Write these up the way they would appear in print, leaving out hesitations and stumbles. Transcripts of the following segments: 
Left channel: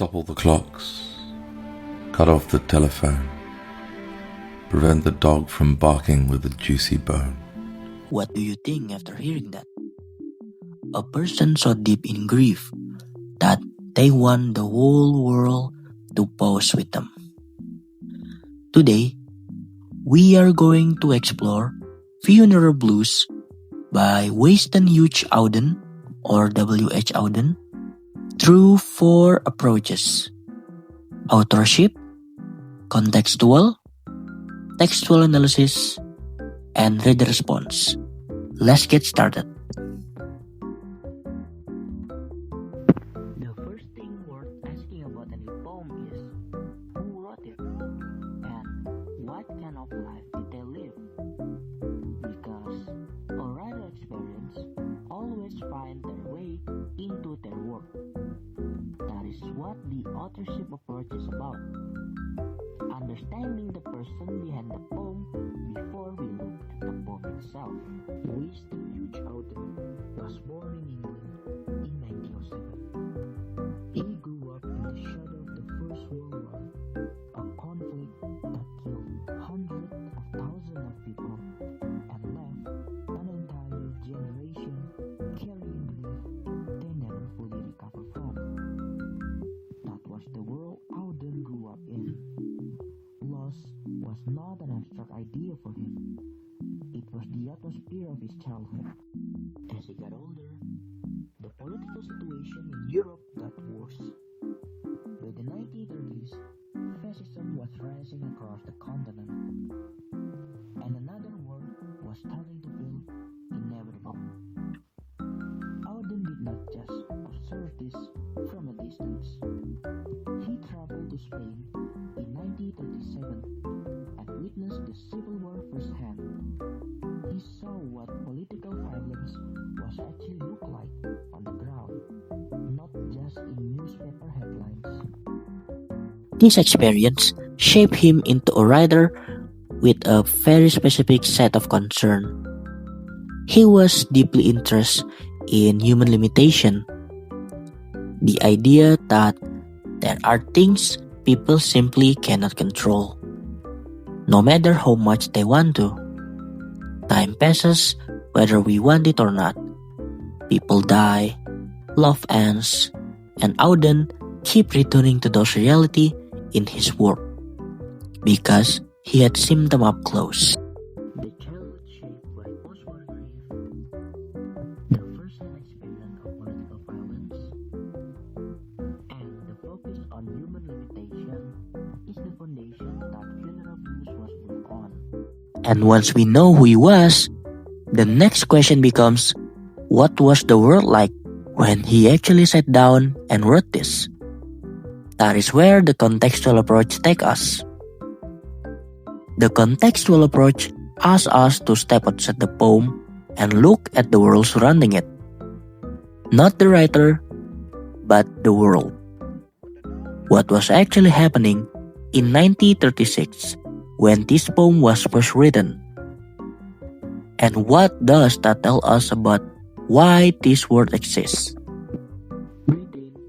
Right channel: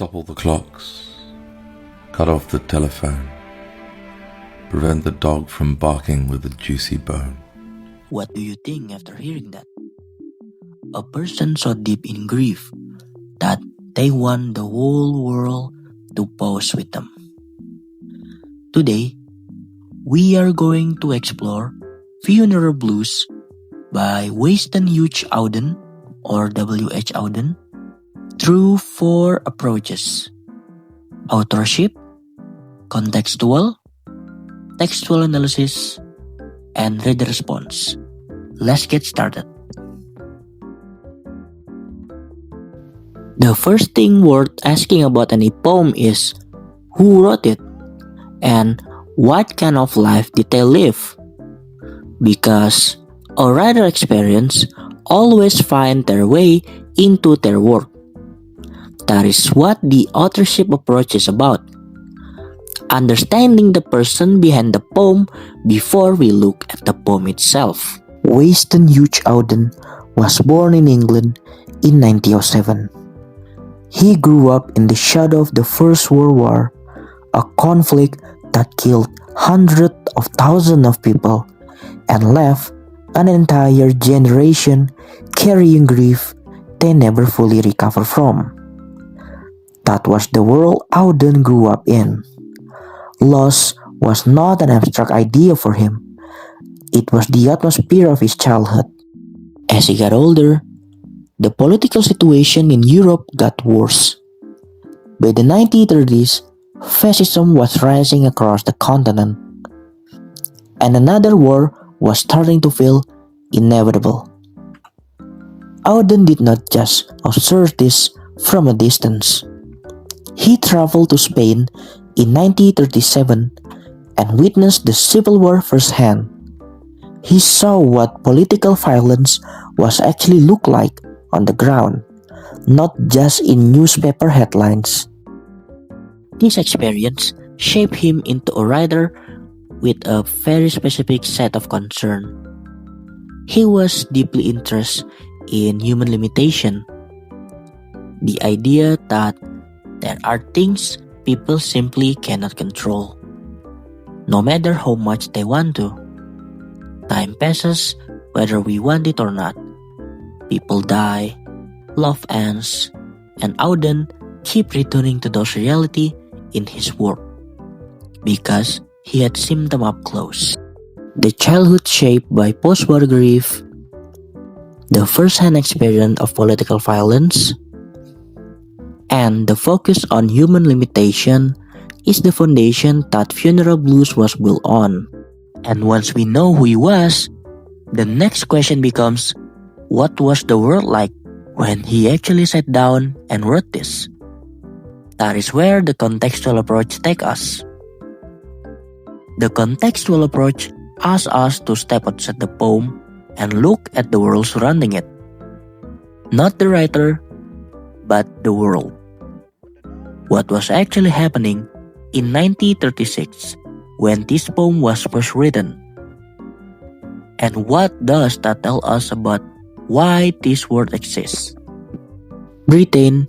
Stop all the clocks. Cut off the telephone. Prevent the dog from barking with a juicy bone. What do you think after hearing that? A person so deep in grief that they want the whole world to pause with them. Today, we are going to explore Funeral Blues by Winston Hugh Auden or W.H. Auden through 4 approaches: authorship, contextual, textual analysis, and reader response. Let's get started. The first thing worth asking about any poem is who wrote it and what kind of life did they live? Because a writer experience always find their way into their work. That is what the authorship approach is about. Understanding the person behind the poem before we look at the poem itself. Winston Hugh Auden was born in England in 1907. He grew up in the shadow of the First World War, a conflict that killed hundreds of thousands of people and left an entire generation carrying grief they never fully recover from. That was the world Auden grew up in. Loss was not an abstract idea for him. It was the atmosphere of his childhood. As he got older, the political situation in Europe got worse. By the 1930s, fascism was rising across the continent, and another war was starting to feel inevitable. Auden did not just observe this from a distance. He traveled to Spain in 1937 and witnessed the Civil War firsthand. He saw what political violence was actually look like on the ground, not just in newspaper headlines. This experience shaped him into a writer with a very specific set of concern. He was deeply interested in human limitation, the idea that there are things people simply cannot control, no matter how much they want to. Time passes whether we want it or not. People die, love ends, and Auden kept returning to those reality in his work because he had seen them up close. The childhood shaped by post-war grief, the first-hand experience of political violence, and the focus on human limitation is the foundation that Funeral Blues was built on. And once we know who he was, the next question becomes, what was the world like when he actually sat down and wrote this? That is where the contextual approach takes us. The contextual approach asks us to step outside the poem and look at the world surrounding it. Not the writer, but the world. What was actually happening in 1936 when this poem was first written? And what does that tell us about why this word exists? Britain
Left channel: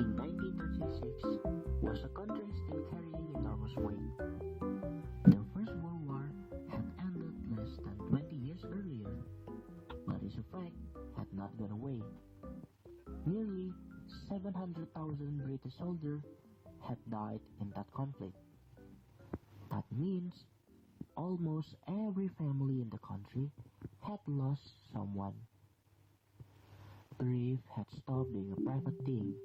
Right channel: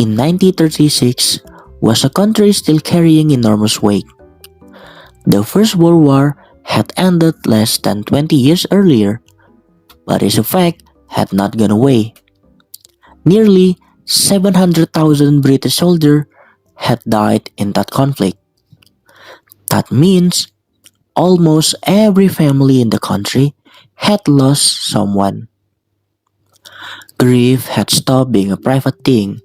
in 1936 was a country still carrying enormous weight. The First World War had ended less than 20 years earlier, but its effect had not gone away. Nearly 700,000 British soldiers had died in that conflict. That means almost every family in the country had lost someone. Grief had stopped being a private thing.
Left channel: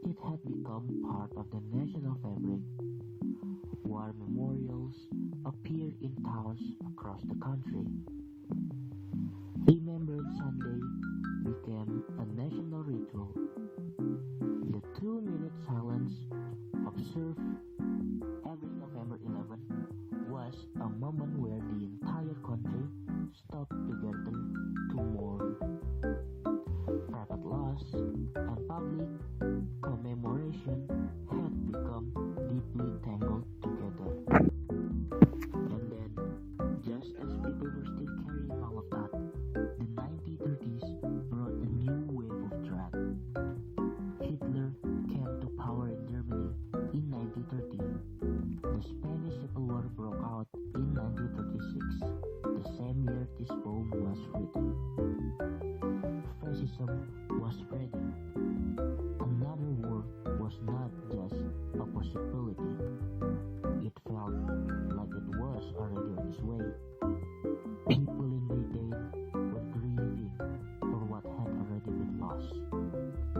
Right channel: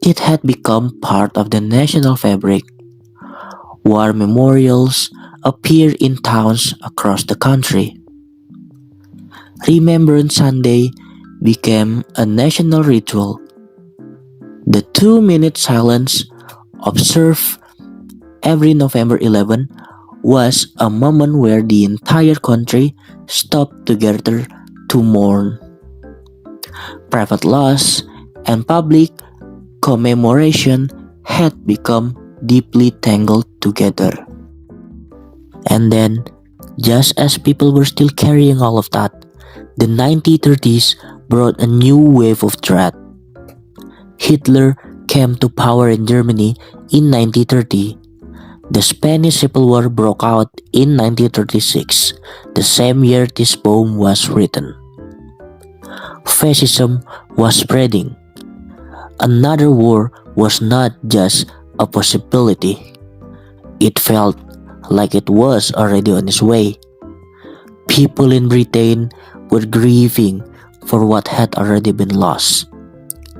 It had become part of the national fabric. War memorials appeared in towns across the country. Remembrance Sunday became a national ritual. The 2-minute silence observed every November 11 was a moment where the entire country stopped together to mourn. Private loss and public commemoration had become deeply tangled together. And then, just as people were still carrying all of that, the 1930s brought a new wave of dread. Hitler came to power in Germany in 1930. The Spanish Civil War broke out in 1936, the same year this poem was written. Fascism was spreading. Another war was not just a possibility. It felt like it was already on its way. People in Britain were grieving for what had already been lost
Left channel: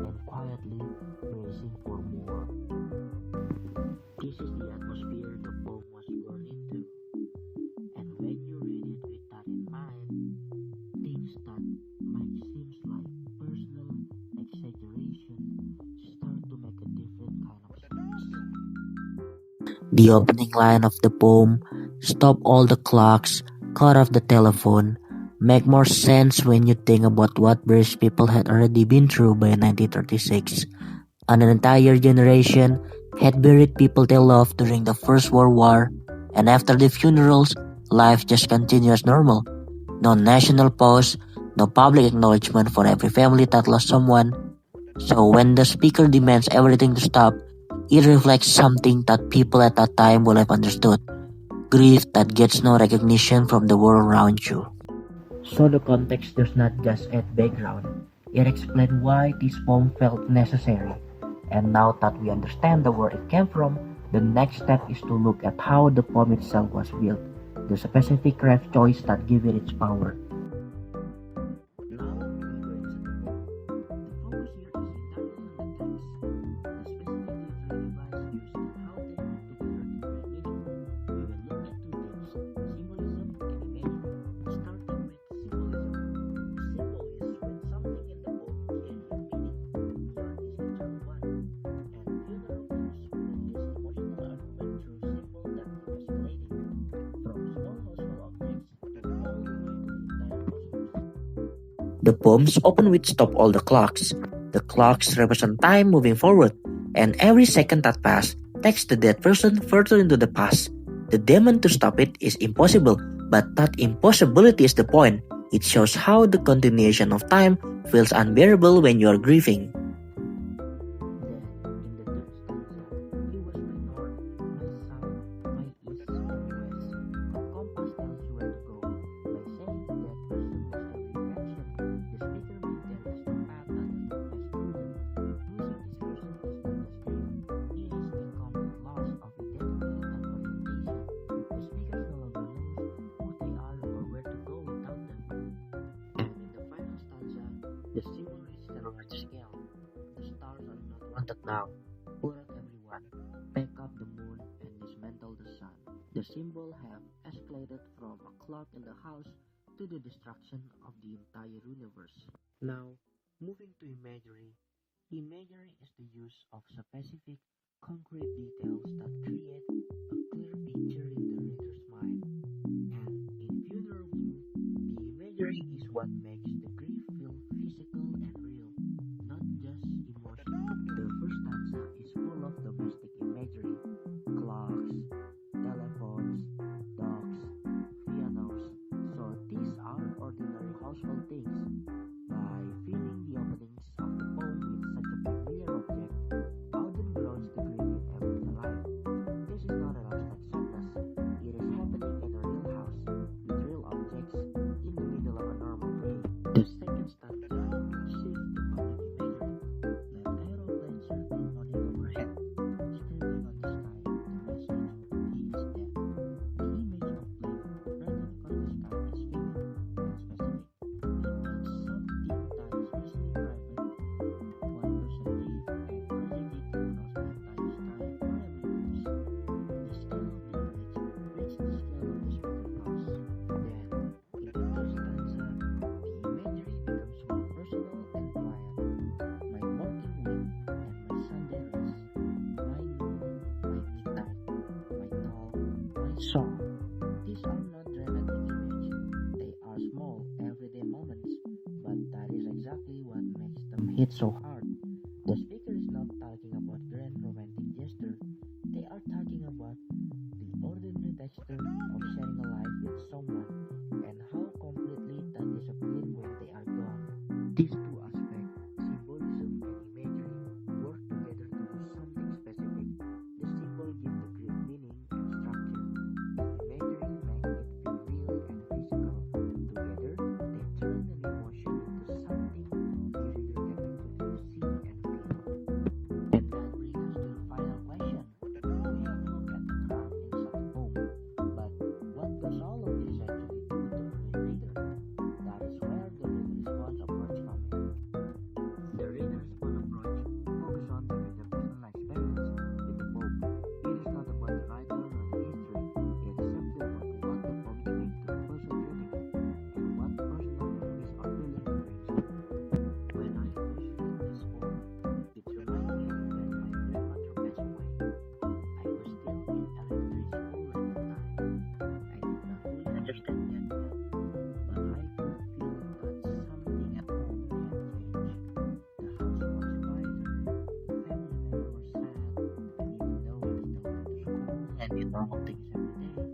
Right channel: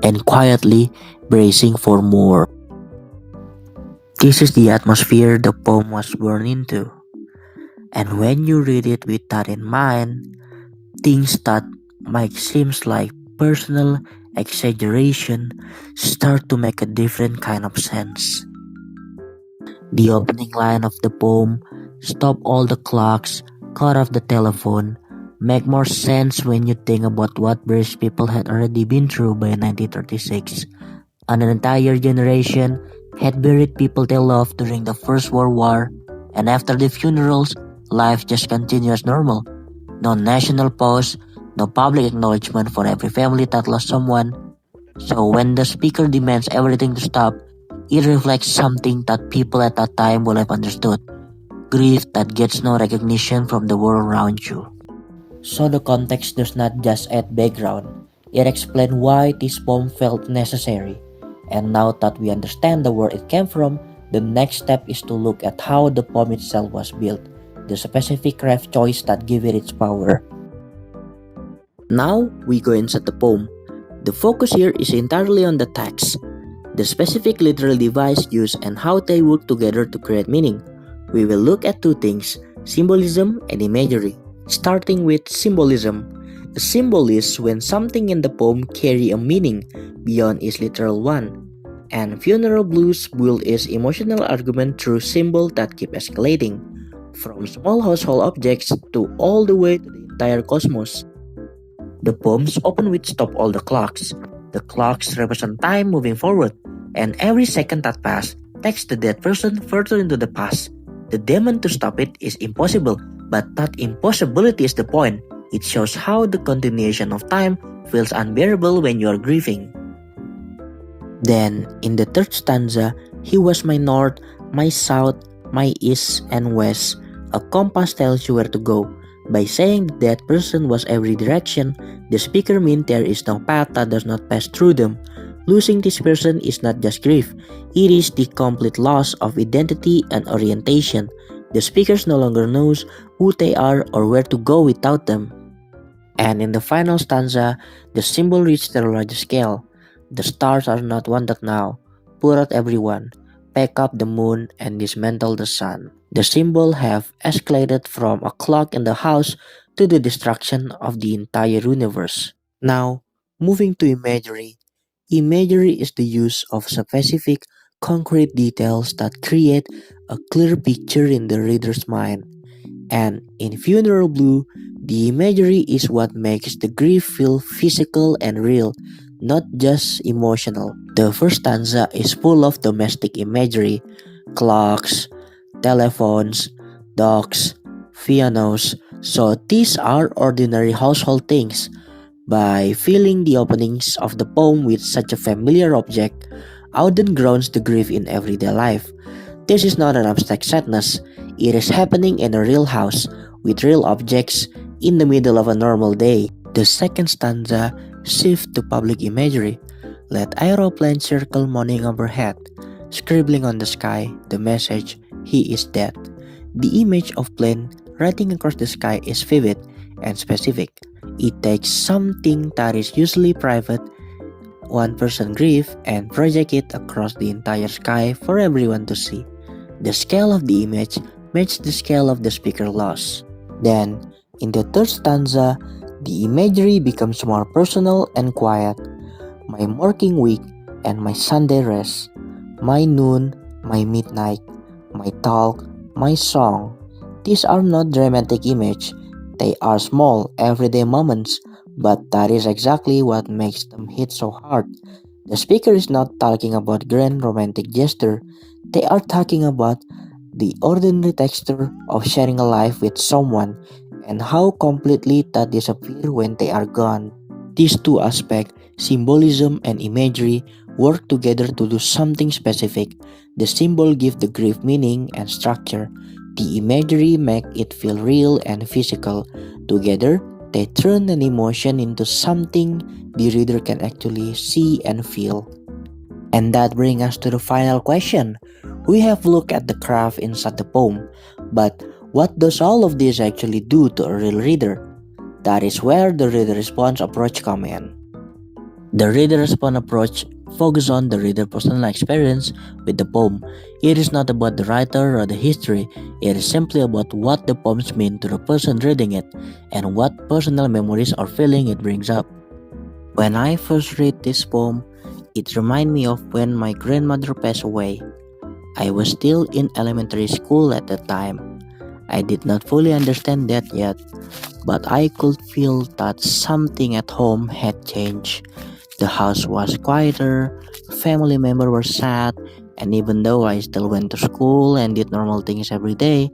and quietly bracing for more. This is the atmosphere the poem was born into. And when you read it with that in mind, things that might seem like personal exaggeration start to make a different kind of sense. The opening line of the poem, "Stop all the clocks, cut off the telephone," make more sense when you think about what British people had already been through by 1936. An entire generation had buried people they loved during the First World War, and after the funerals, life just continued as normal. No national pause, no public acknowledgement for every family that lost someone. So when the speaker demands everything to stop, it reflects something that people at that time will have understood: grief that gets no recognition from the world around you. So the context does not just add background, it explains why this poem felt necessary. And now that we understand the where it came from, the next step is to look at how the poem itself was built, the specific ref choice that gave it its power. Now we go inside the poem. The focus here is entirely on the text, the specific literal device used and how they work together to create meaning. We will look at two things: symbolism and imagery. Starting with symbolism. A symbol is when something in the poem carry a meaning beyond its literal one. And Funeral Blues build its emotional argument through symbols that keep escalating, from small household objects to all the way to the entire cosmos. The poems open with "Stop all the clocks." The clocks represent time moving forward, and every second that passes takes the dead person further into the past. The demand to stop it is impossible, but that impossibility is the point. It shows how the continuation of time feels unbearable when you are grieving. Then, in the third stanza, "He was my north, my south, my east and west. A compass tells you where to go." By saying the dead person was every direction, the speaker means there is no path that does not pass through them. Losing this person is not just grief, it is the complete loss of identity and orientation. The speakers no longer knows who they are or where to go without them. And in the final stanza, the symbol reaches the larger scale. "The stars are not wanted now. Put out everyone. Pack up the moon and dismantle the sun." The symbol have escalated from a clock in the house to the destruction of the entire universe. Now, moving to imagery. Imagery is the use of specific, concrete details that create a clear picture in the reader's mind. And in Funeral Blue, the imagery is what makes the grief feel physical and real, not just emotional. The first stanza is full of domestic imagery: clocks, telephones, dogs, pianos. So these are ordinary household things. By filling the openings of the poem with such a familiar object, Auden grounds the grief in everyday life. This is not an abstract sadness, it is happening in a real house, with real objects, in the middle of a normal day. The second stanza shifts to public imagery. "Let aeroplanes circle moaning overhead, scribbling on the sky the message, 'He is dead.'" The image of plane riding across the sky is vivid and specific. It takes something that is usually private, one person grief, and project it across the entire sky for everyone to see. The scale of the image matches the scale of the speaker loss. Then, in the third stanza, the imagery becomes more personal and quiet. "My working week and my Sunday rest, my noon, my midnight, my talk, my song." These are not dramatic images, they are small, everyday moments, but that is exactly what makes them hit so hard. The speaker is not talking about grand romantic gesture, they are talking about the ordinary texture of sharing a life with someone and how completely that disappears when they are gone. These two aspects, symbolism and imagery, work together to do something specific. The symbol give the grief meaning and structure. The imagery make it feel real and physical. Together, they turn an emotion into something the reader can actually see and feel. And that brings us to the final question. We have looked at the craft inside the poem, but what does all of this actually do to a real reader? That is where the reader response approach comes in. The reader response approach focuses on the reader's personal experience with the poem. It is not about the writer or the history, it is simply about what the poems mean to the person reading it and what personal memories or feeling it brings up. When I first read this poem, it reminded me of when my grandmother passed away. I was still in elementary school at the time. I did not fully understand that yet, but I could feel that something at home had changed. The house was quieter, family members were sad, and even though I still went to school and did normal things every day,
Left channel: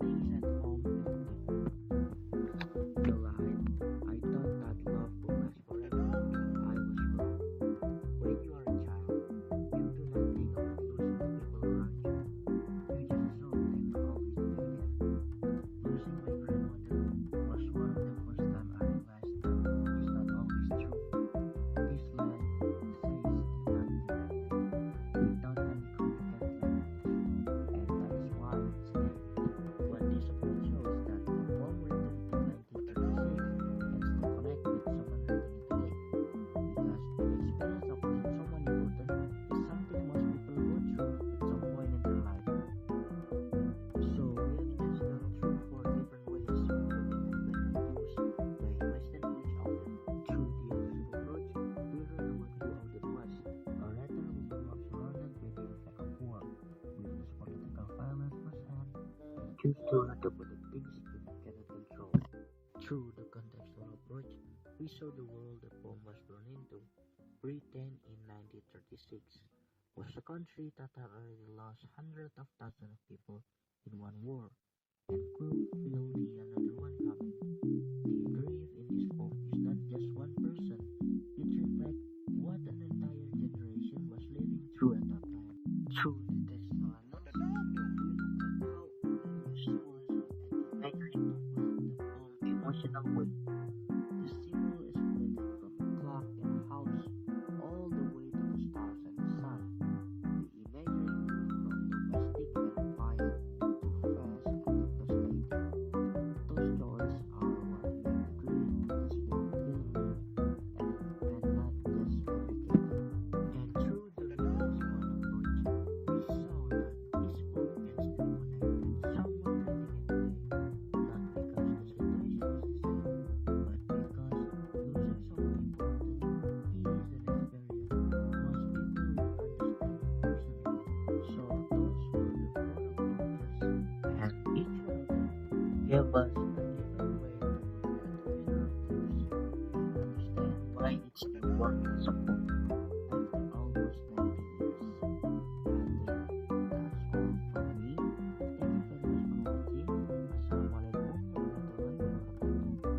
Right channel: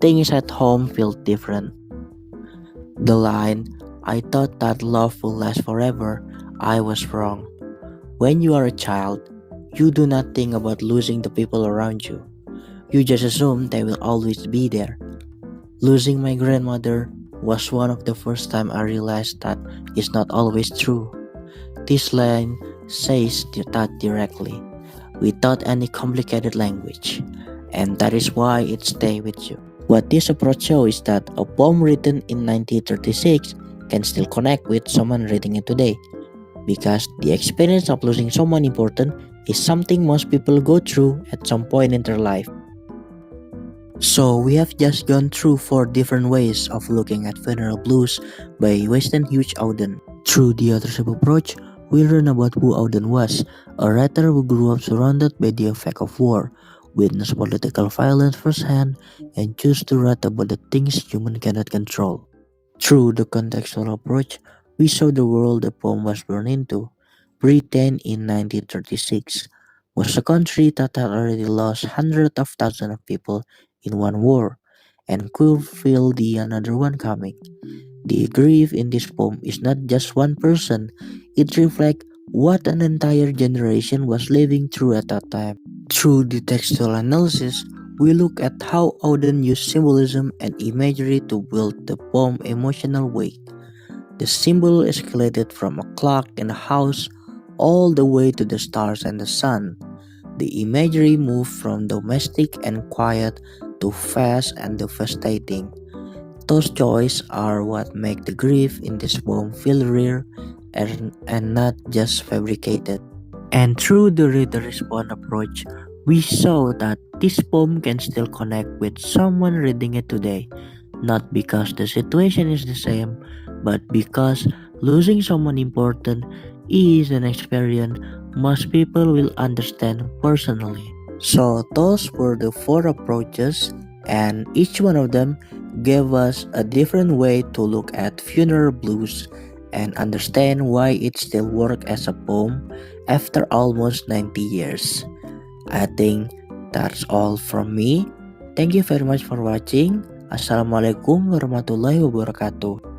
things at home felt different. The line, "I thought that love will last forever," I was wrong. When you are a child, you do not think about losing the people around you. You just assume they will always be there. Losing my grandmother was one of the first time I realized that it's not always true. This line says that directly, without any complicated language, and that is why it stays with you. What this approach shows is that a poem written in 1936 can still connect with someone reading it today, because the experience of losing someone important is something most people go through at some point in their life. So we have just gone through 4 different ways of looking at funeral blues by Weston Hughes Auden. Through the authorship approach, we learn about who Auden was, a writer who grew up surrounded by the effect of war, witnessed political violence firsthand, and chose to write about the things humans cannot control. Through the contextual approach, we saw the world the poem was born into. Britain in 1936 was a country that had already lost hundreds of thousands of people in one war and could feel the another one coming. The grief in this poem is not just one person, it reflects what an entire generation was living through at that time. Through the textual analysis, we look at how Auden used symbolism and imagery to build the poem's emotional weight. The symbol escalated from a clock in a house all the way to the stars and the sun. The imagery moved from domestic and quiet to fast and devastating. Those joys are what make the grief in this poem feel real and not just fabricated. And through the reader response approach, we saw that this poem can still connect with someone reading it today, not because the situation is the same, but because losing someone important is an experience most people will understand personally. So those were the 4 approaches, and each one of them gave us a different way to look at funeral blues and understand why it still works as a poem after almost 90 years. I think that's all from me. Thank you very much for watching. Assalamualaikum warahmatullahi wabarakatuh.